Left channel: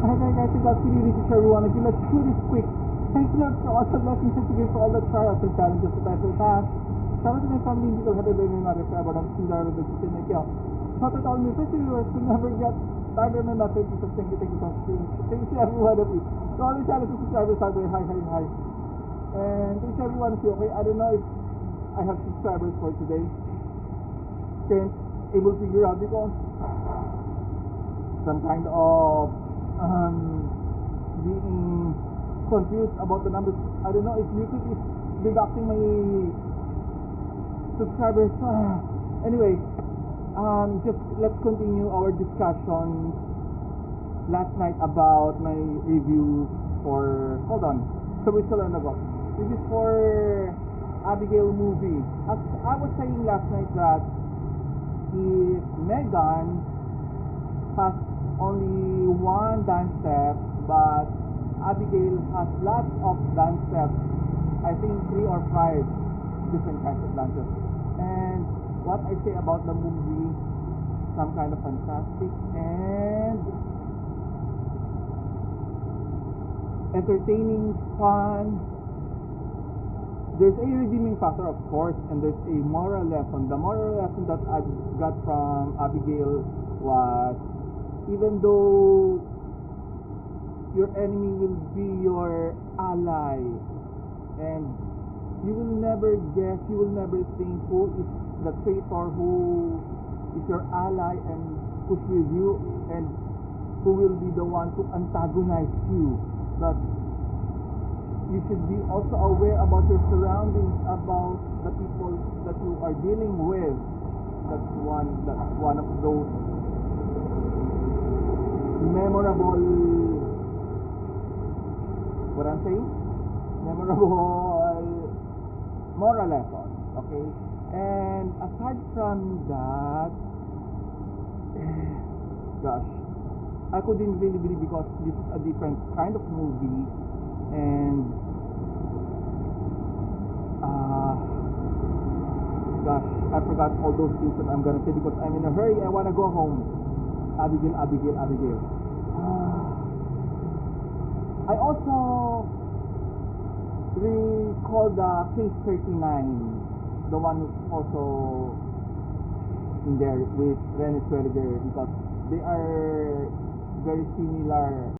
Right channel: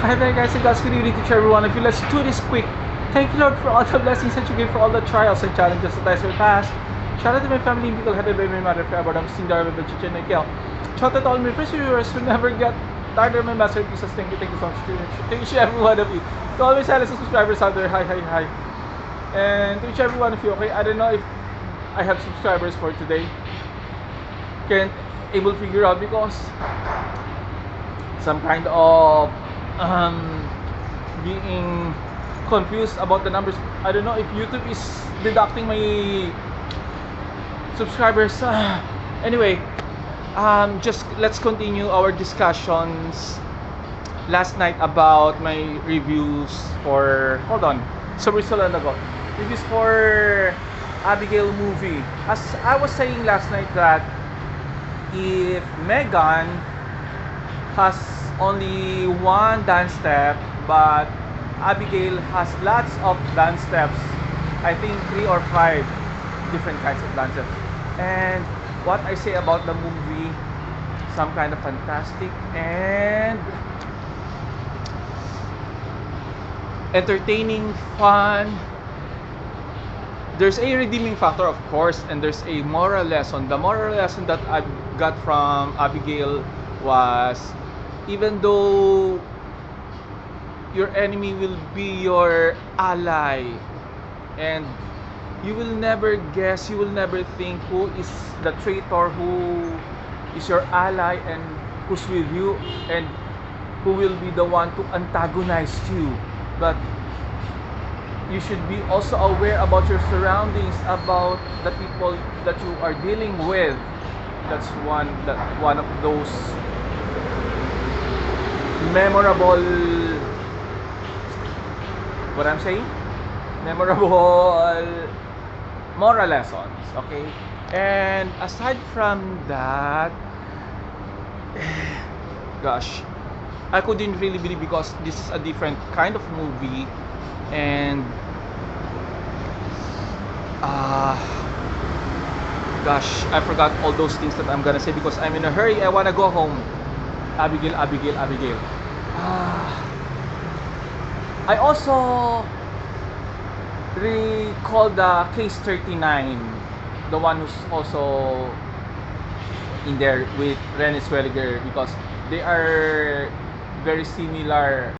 Hi there guys, and God's good evening to everyone of you. Let's do this quick. Thank you Lord for all the blessings that you give, for all the trials and challenges that I surpassed. Shout out to my family in Bicol, headed by my mother forever, I'm Sting Darwin, Chichen and Kel. Shout out to all my friends viewers who never get tired of my masterpieces. Thank you so much. Thank you to every one of you. To all my silent subscribers out there, hi. And to each every one of you, okay, I don't know if I have subscribers for today. Can't able to figure out because some kind of being confused about the numbers. I don't know if YouTube is deducting my subscribers. Anyway, just let's continue our discussions last night about my reviews for, hold on, so we're still on the go. Reviews for Abigail movie. As I was saying last night that if Megan has only one dance step, but Abigail has lots of dance steps. I think 3 or 5 different kinds of dance steps. And what I say about the movie, some kind of fantastic and entertaining, fun. There's a redeeming factor, of course, and there's a moral lesson. The moral lesson that I got from Abigail was, even though your enemy will be your ally, and you will never guess, you will never think who is the traitor, who is your ally, and who's with you, and who will be the one to antagonize you. But you should be also aware about your surroundings, about the people that you are dealing with. That's one of those memorable, what I'm saying, memorable moral lessons. Okay, and aside from that, gosh, I couldn't really believe, because this is a different kind of movie. And gosh, I forgot all those things that I'm gonna say because I'm in a hurry. I wanna go home. Abigail. I also recall the case 39, the one who's also in there with Renée Zellweger, because they are very similar